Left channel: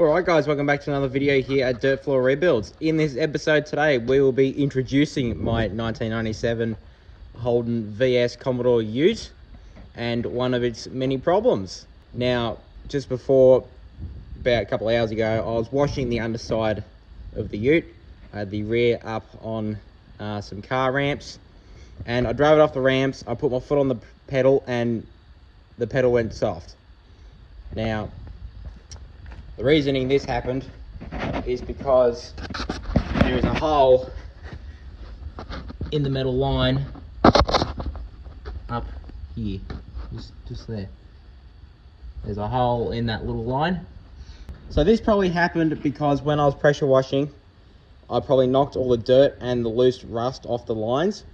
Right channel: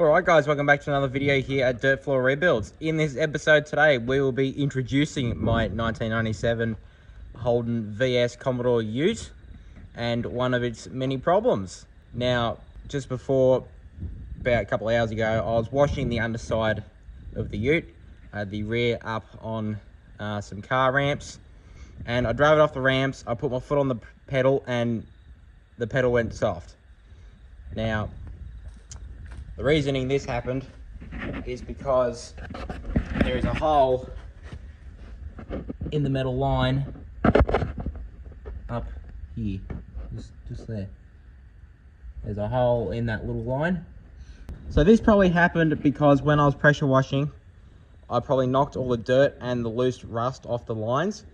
Alright guys, welcome back to another video here at Dirt Floor Rebuilds. In this episode today, we will be introducing my 1997 Holden VS Commodore Ute and one of its many problems. Now, just before, about a couple of hours ago, I was washing the underside of the Ute. I had the rear up on some car ramps, and I drove it off the ramps. I put my foot on the pedal and the pedal went soft. Now, the reasoning this happened is because there is a hole in the metal line up here, just there. There's a hole in that little line. So this probably happened because when I was pressure washing, I probably knocked all the dirt and the loose rust off the lines,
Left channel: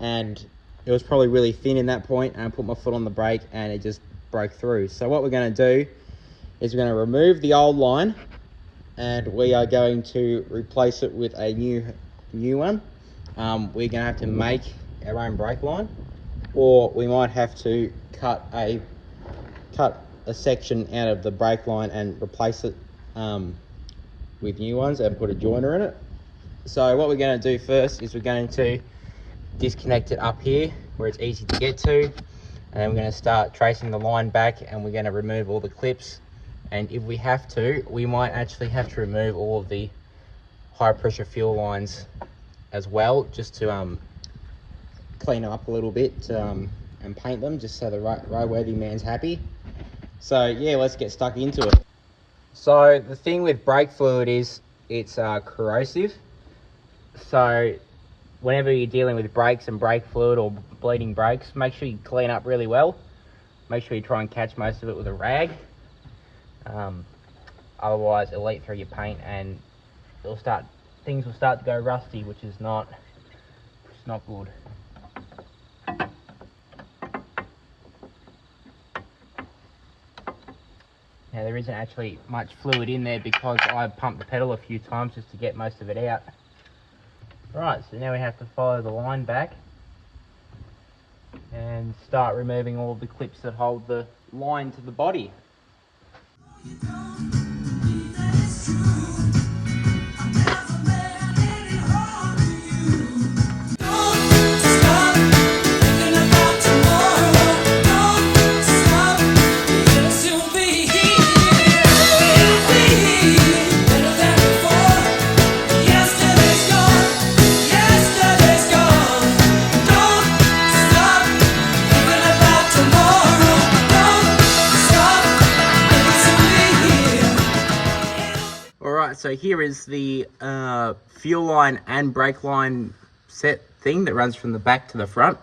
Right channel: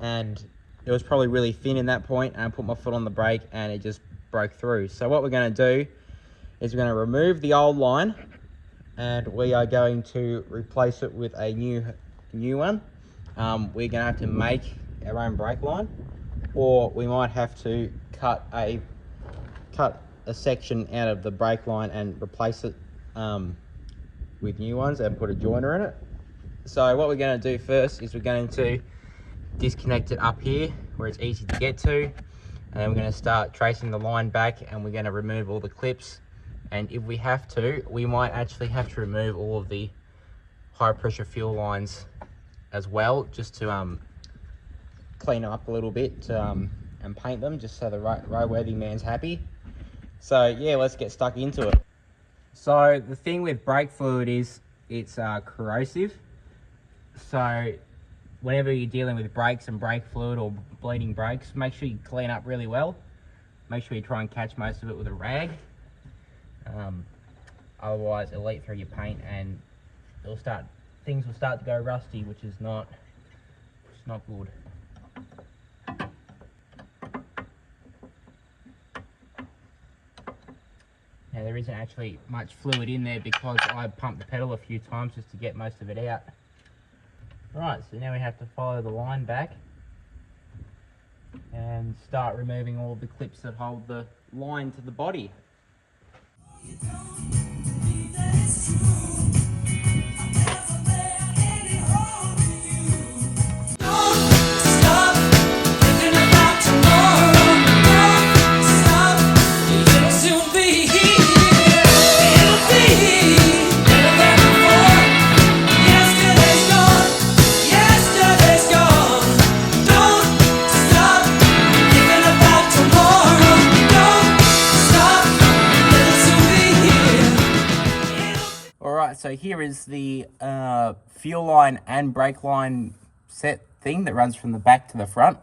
and it was probably really thin in that point, and I put my foot on the brake and it just broke through. So what we're going to do is we're going to remove the old line and we are going to replace it with a new one. We're going to have to make our own brake line, or we might have to cut a section out of the brake line and replace it with new ones and put a joiner in it. So what we're going to do first is we're going to disconnect it up here where it's easy to get to, and then we're going to start tracing the line back, and we're going to remove all the clips. And if we have to, we might actually have to remove all of the high pressure fuel lines as well, just to clean them up a little bit and paint them, just so the roadworthy man's happy. So yeah, let's get stuck into it. So the thing with brake fluid is it's corrosive. So whenever you're dealing with brakes and brake fluid or bleeding brakes, make sure you clean up really well. Make sure you try and catch most of it with a rag. Otherwise it'll leak through your paint and things will start to go rusty, which is not good. Now there isn't actually much fluid in there because I pumped the pedal a few times just to get most of it out. Right, so now we have to follow the line back and start removing all the clips that hold the line to the body. So here is the fuel line and brake line set thing that runs from the back to the front.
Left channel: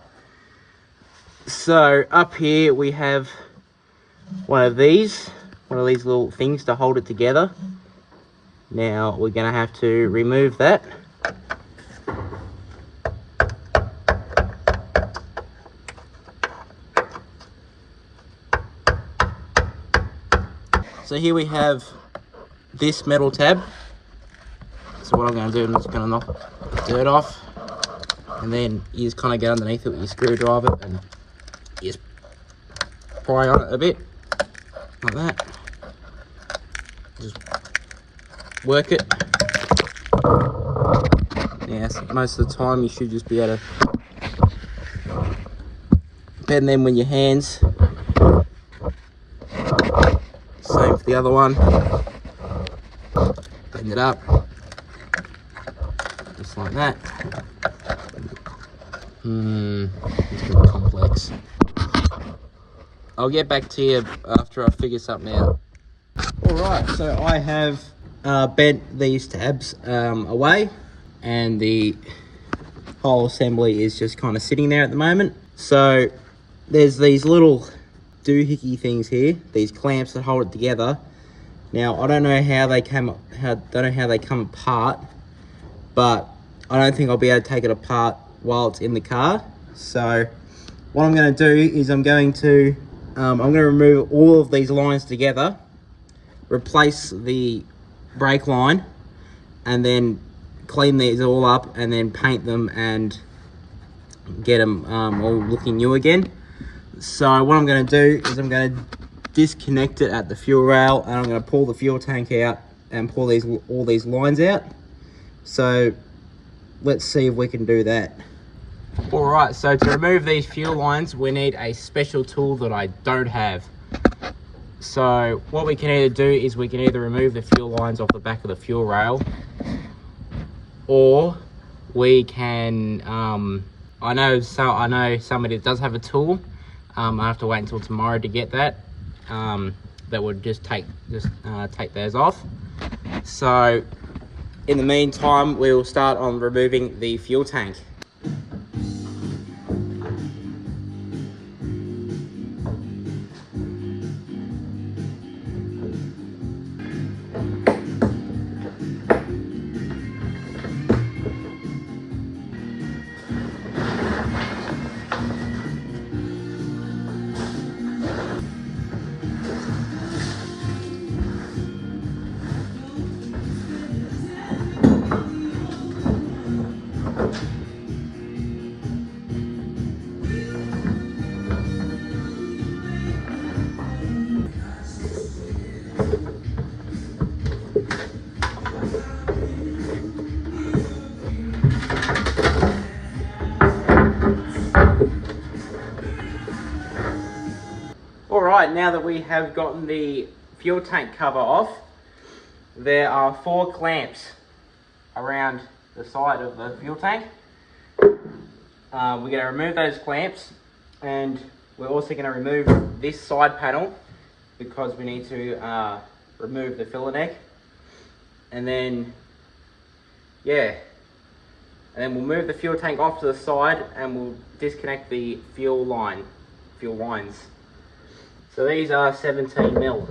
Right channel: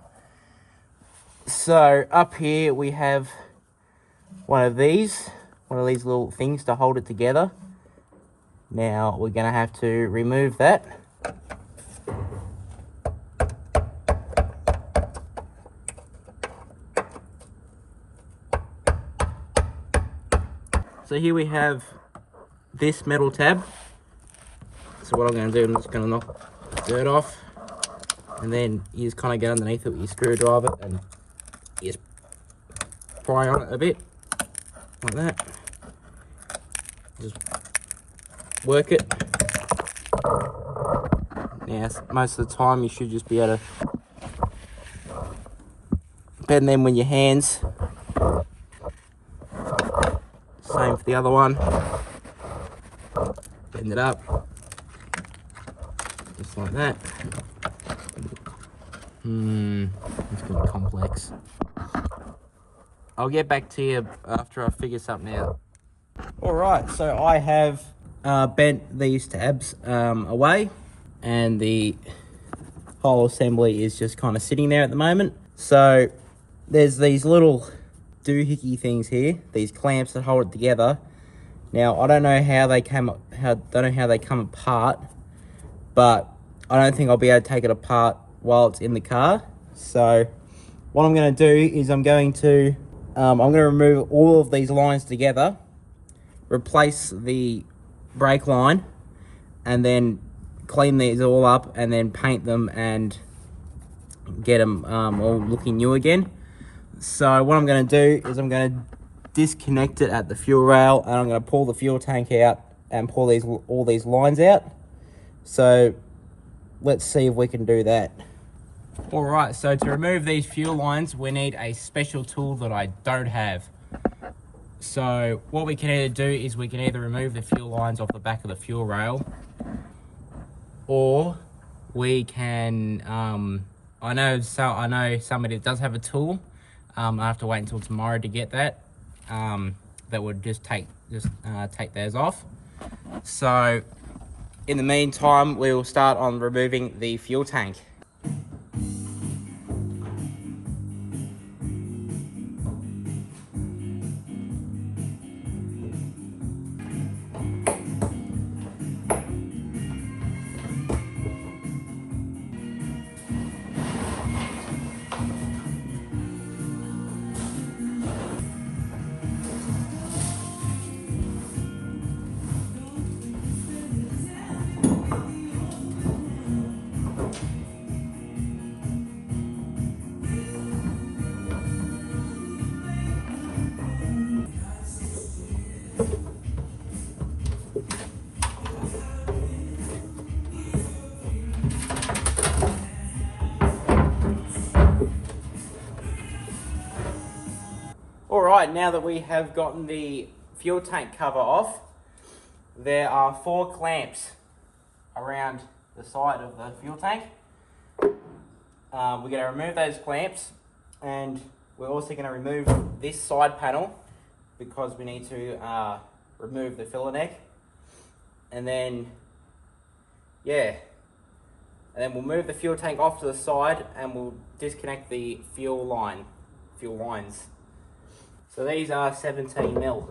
So up here we have one of these little things to hold it together. Now we're going to have to remove that. So here we have this metal tab. So what I'm going to do, I'm just going to knock the dirt off, and then you just kind of get underneath it with your screwdriver and you just pry on it a bit like that. Just work it. Now most of the time you should just be able to bend them with your hands. Same for the other one. Bend it up, just like that. It's gonna be complex. I'll get back to you after I figure something out. Alright, so I have bent these tabs away, and the whole assembly is just kind of sitting there at the moment. So there's these little doohickey things here, these clamps that hold it together. Now I don't know how they come apart, but I don't think I'll be able to take it apart while it's in the car. So what I'm going to do is I'm going to remove all of these lines together, replace the brake line, and then clean these all up and then paint them and get them all looking new again. So what I'm going to do is I'm going to disconnect it at the fuel rail, and I'm going to pull the fuel tank out and pull all these lines out. So let's see if we can do that. All right, so to remove these fuel lines, we need a special tool that I don't have. So what we can either do is we can either remove the fuel lines off the back of the fuel rail, or we can, I know somebody that does have a tool. I have to wait until tomorrow to get that. That would just take theirs off. So in the meantime, we will start on removing the fuel tank. Alright, now that we have gotten the fuel tank cover off, there are 4 clamps around the side of the fuel tank. We're going to remove those clamps, and we're also going to remove this side panel because we need to remove the filler neck. And then, yeah, and then we'll move the fuel tank off to the side and we'll disconnect the fuel lines. So these are 17 mil.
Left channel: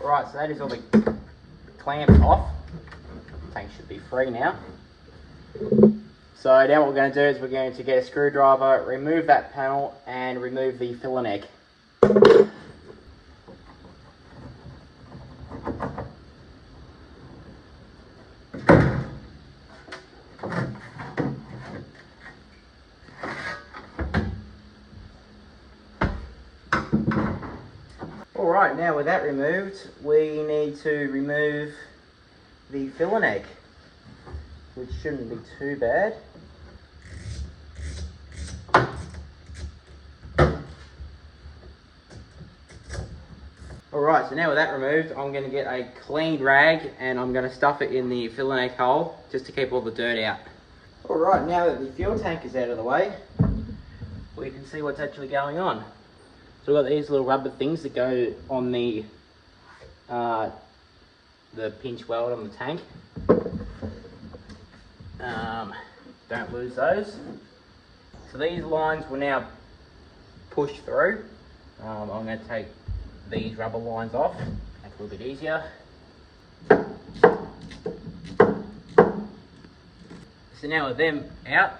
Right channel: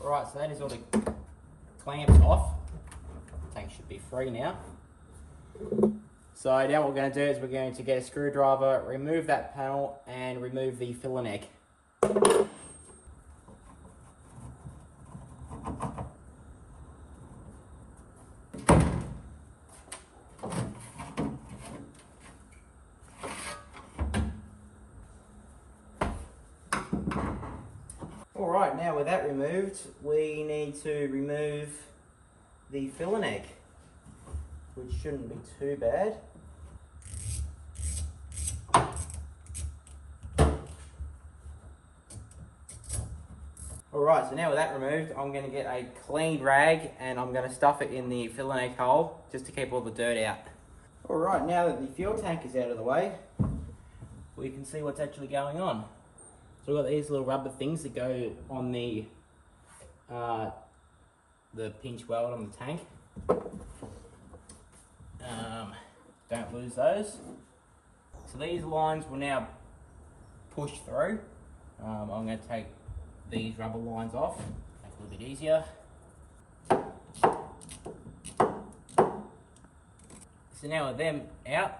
Alright, so that is all the clamps off. The tank should be free now. So now what we're going to do is we're going to get a screwdriver, remove that panel and remove the filler neck. Alright, now with that removed, we need to remove the filler neck, which shouldn't be too bad. Alright, so now with that removed, I'm going to get a clean rag and I'm going to stuff it in the filler neck hole just to keep all the dirt out. Alright, now that the fuel tank is out of the way, we can see what's actually going on. So we've got these little rubber things that go on the pinch weld on the tank. Don't lose those. So these lines will now push through. I'm going to take these rubber lines off, make it a little bit easier. So now with them out,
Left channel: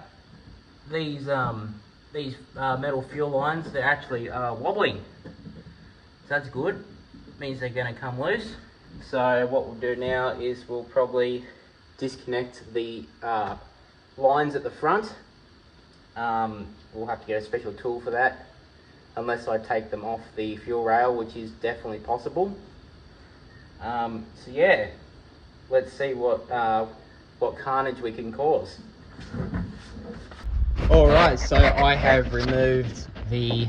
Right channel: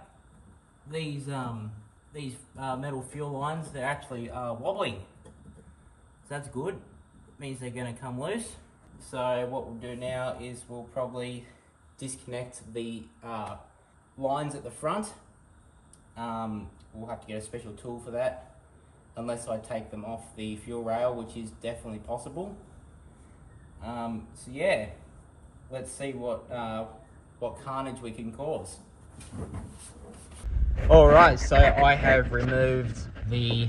these metal fuel lines, they're actually wobbling. So that's good. It means they're going to come loose. So what we'll do now is we'll probably disconnect the lines at the front. We'll have to get a special tool for that, unless I take them off the fuel rail, which is definitely possible. So yeah, let's see what carnage we can cause. Alright, so I have removed the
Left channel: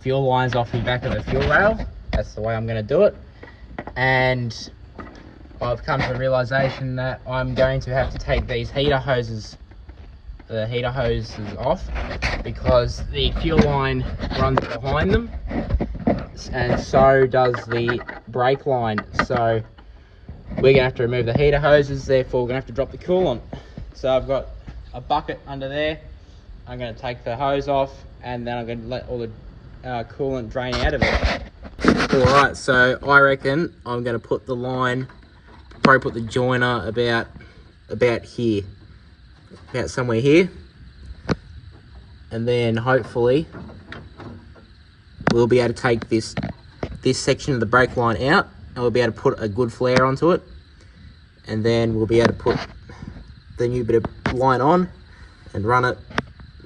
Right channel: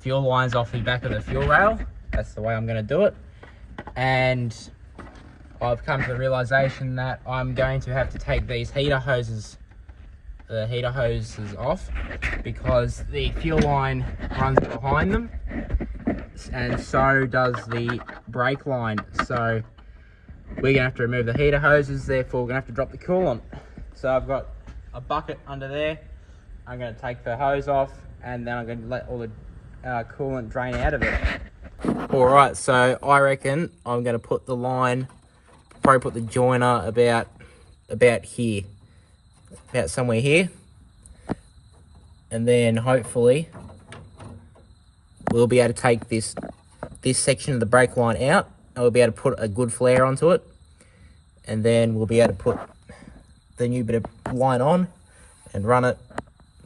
fuel lines off the back of the fuel rail. That's the way I'm going to do it. And I've come to the realization that I'm going to have to take these heater hoses off, because the fuel line runs behind them, and so does the brake line. So we're going to have to remove the heater hoses, therefore we're going to have to drop the coolant. So I've got a bucket under there. I'm going to take the hose off, and then I'm going to let all the coolant drain out of it. Alright, so I reckon I'm going to put the line, probably put the joiner about here, about somewhere here, and then hopefully we'll be able to take this section of the brake line out, and we'll be able to put a good flare onto it, and then we'll be able to put the new bit of line on, and run it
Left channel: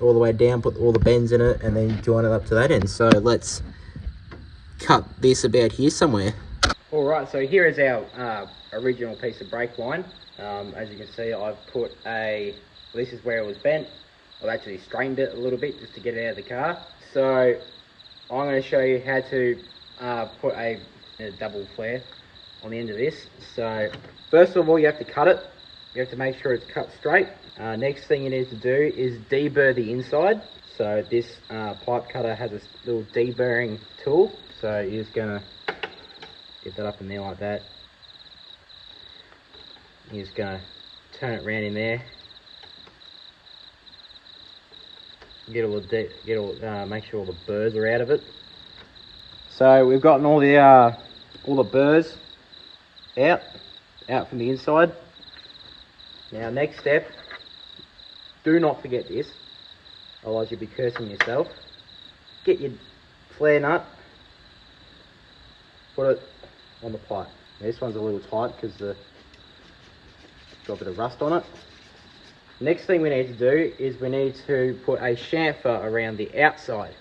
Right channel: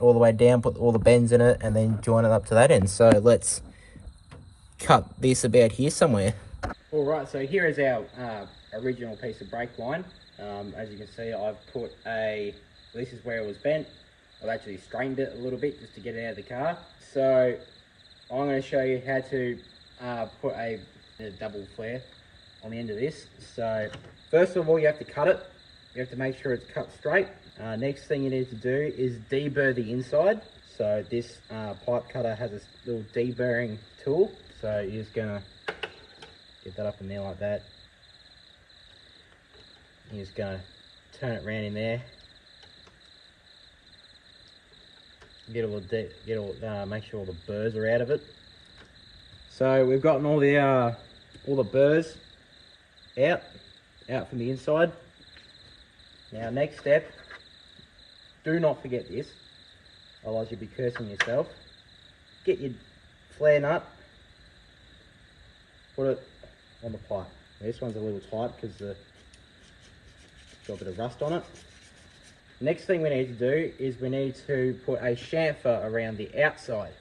all the way down, put all the bends in it, and then join it up to that end. So let's cut this about here somewhere. All right, so here is our original piece of brake line. As you can see, I've put this is where it was bent. I've actually strained it a little bit just to get it out of the car. So I'm going to show you how to put a double flare on the end of this. So first of all, you have to cut it. You have to make sure it's cut straight. Next thing you need to do is deburr the inside. So this pipe cutter has a little deburring tool. So you're just going to get that up in there like that. You're just going to turn it around in there. Make sure all the burrs are out of it. So we've gotten all the burrs out from the inside. Now next step, do not forget this, otherwise you'll be cursing yourself. Get your flare nut, put it on the pipe. Now, this one's a little tight because it's got a bit of rust on it. Next thing we need to do is we need to put a chamfer around the outside.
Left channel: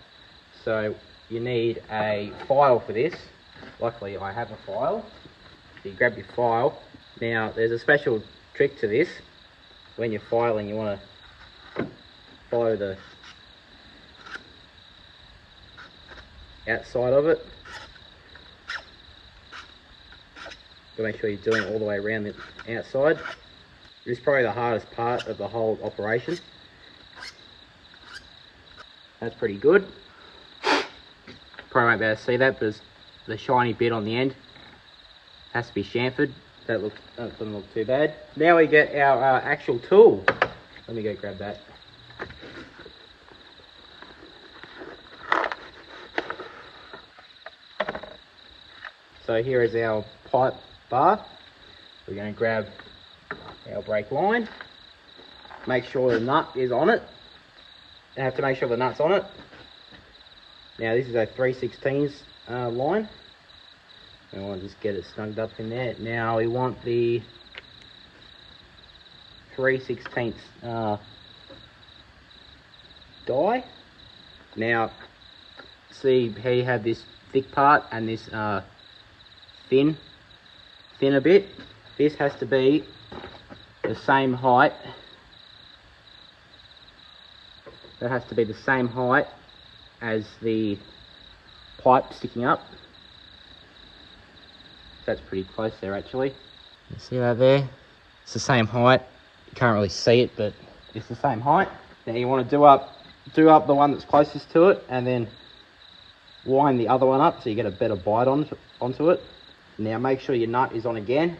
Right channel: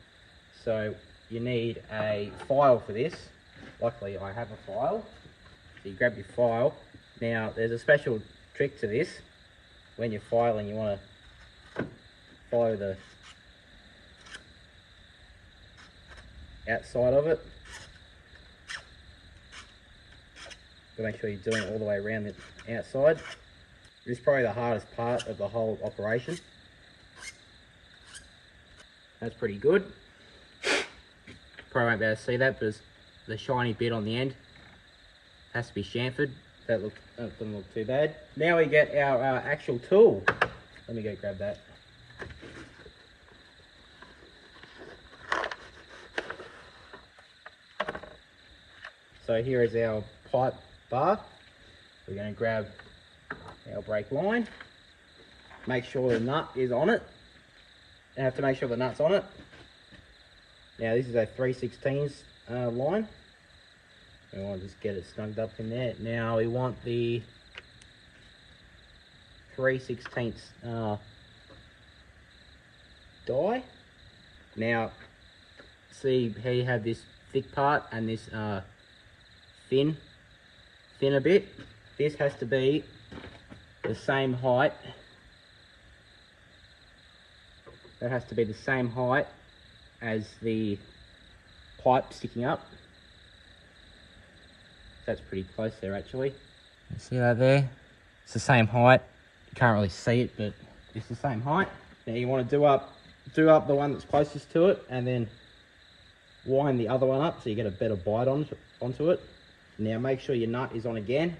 So you need a file for this. Luckily I have a file. So you grab your file. Now there's a special trick to this. When you're filing, you want to follow the outside of it. To make sure you're doing it all the way around the outside. This is probably the hardest part of the whole operation. That's pretty good. Probably won't be able to see that, but the shiny bit on the end has to be chamfered. That doesn't look too bad. Now we get our actual tool. Let me go grab that. So here is our pipe bar. We're going to grab our brake line. Make sure the nut is on it. You have to make sure the nut's on it. Now this is a 3/16 line. We want to just get it snugged up in there. Now we want the 3/16 die. Now see how you have this thick part and this thin a bit. This has to be the same height. That has to be the same height as the pipe sticking up. That's pretty close there actually. You see that there? It's the same height. You can't really see it, but it's the same height. Now you want to do up the one that's closest to it and then wind the other one up so you get a better bite onto it. Now make sure your nut is on again.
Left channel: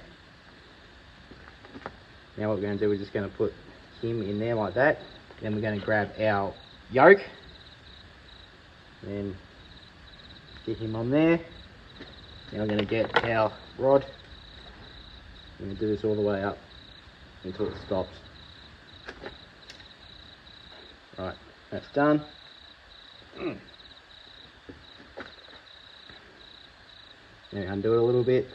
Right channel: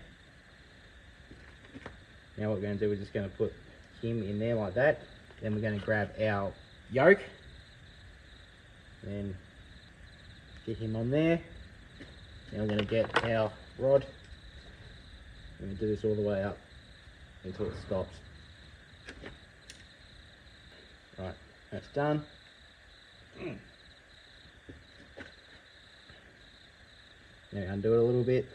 Now what we're going to do, we're just going to put him in there like that. Then we're going to grab our yoke and get him on there. Now we're going to get our rod. We're going to do this all the way up until it stops. Right, that's done. Now undo it a little bit.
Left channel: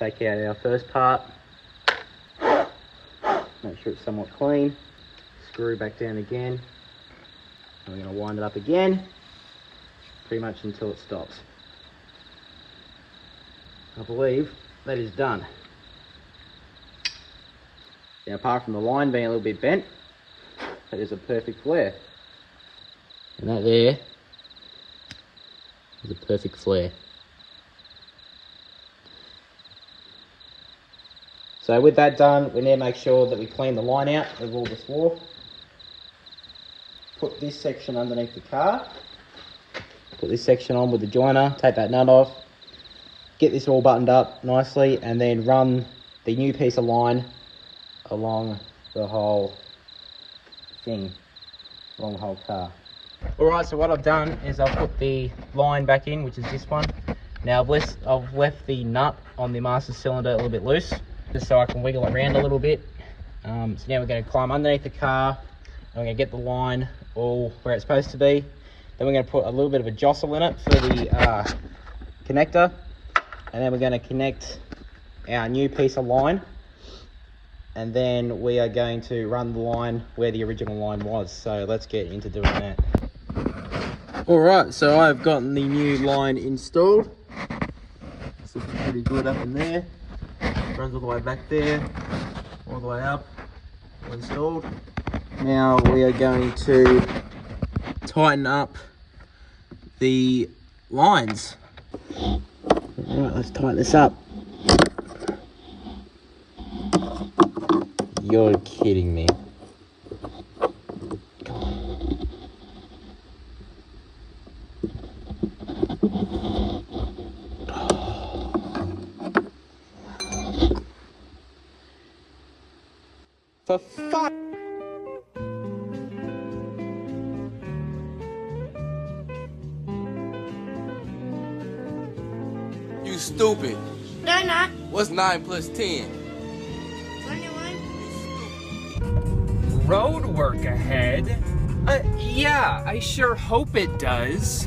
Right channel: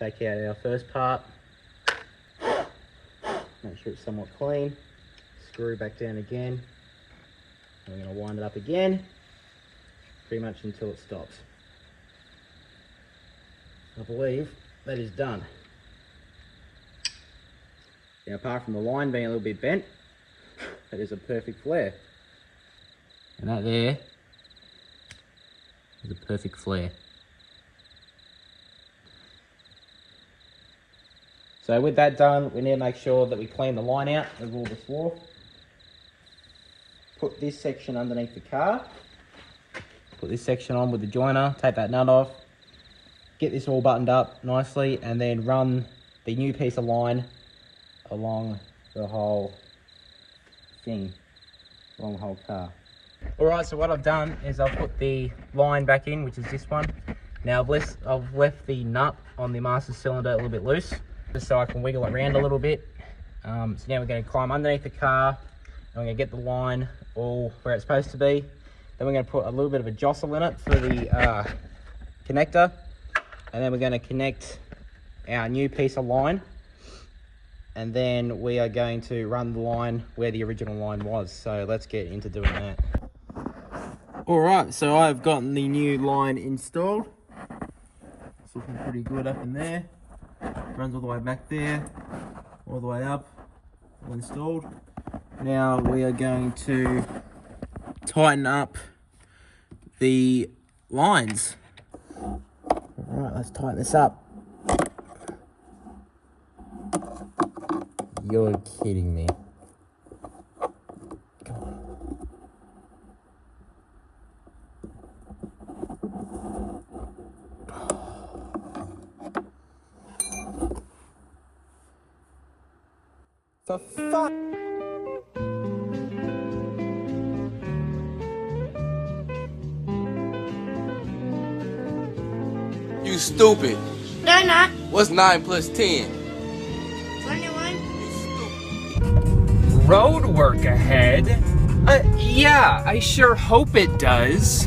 Take out our first part. Make sure it's somewhat clean. Screw back down again. And we're going to wind it up again, pretty much until it stops. I believe that is done. Now apart from the line being a little bit bent, that is a perfect flare. And that there is a perfect flare. So with that done, we need to make sure that we clean the line out of all the swarf. Put this section underneath the car. Put this section on with the joiner, take that nut off. Get this all buttoned up nicely and then run the new piece of line along the whole thing, along the whole car. Alright, so what I've done is I've put the line back in, which is this one. Now I've left the nut on the master cylinder a little bit loose, just so I can wiggle it around a little bit. So now we're going to climb underneath the car, and we're going to get the line all where it's supposed to be. Then we're going to put a little bit of a jostle in it for the connector, and then we're going to connect our new piece of line and then we are going to run the line where the original line was. So let's get into doing that. Alright, so I've gotten the new line installed. It's looking pretty good up in there. Runs all the way back there, all the way up, all installed. Now we are going to tighten up the lines. Alright, let's tighten this up. You're kidding me. For fuck. You stupid. No, not. What's 9 plus 10? 21. Road work ahead? Yeah, I sure hope it does.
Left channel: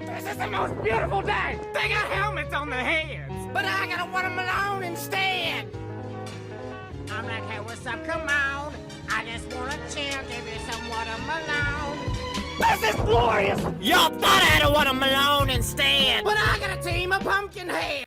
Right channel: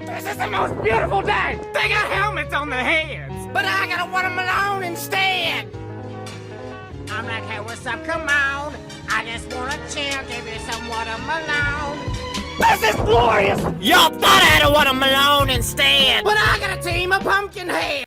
This is the most beautiful day! They got helmets on their heads! But I got a watermelon instead! I'm like, hey, what's up? Come on. I just want a chill, give you some watermelon. This is glorious! Y'all thought I had a watermelon instead. But I got a team of pumpkin heads!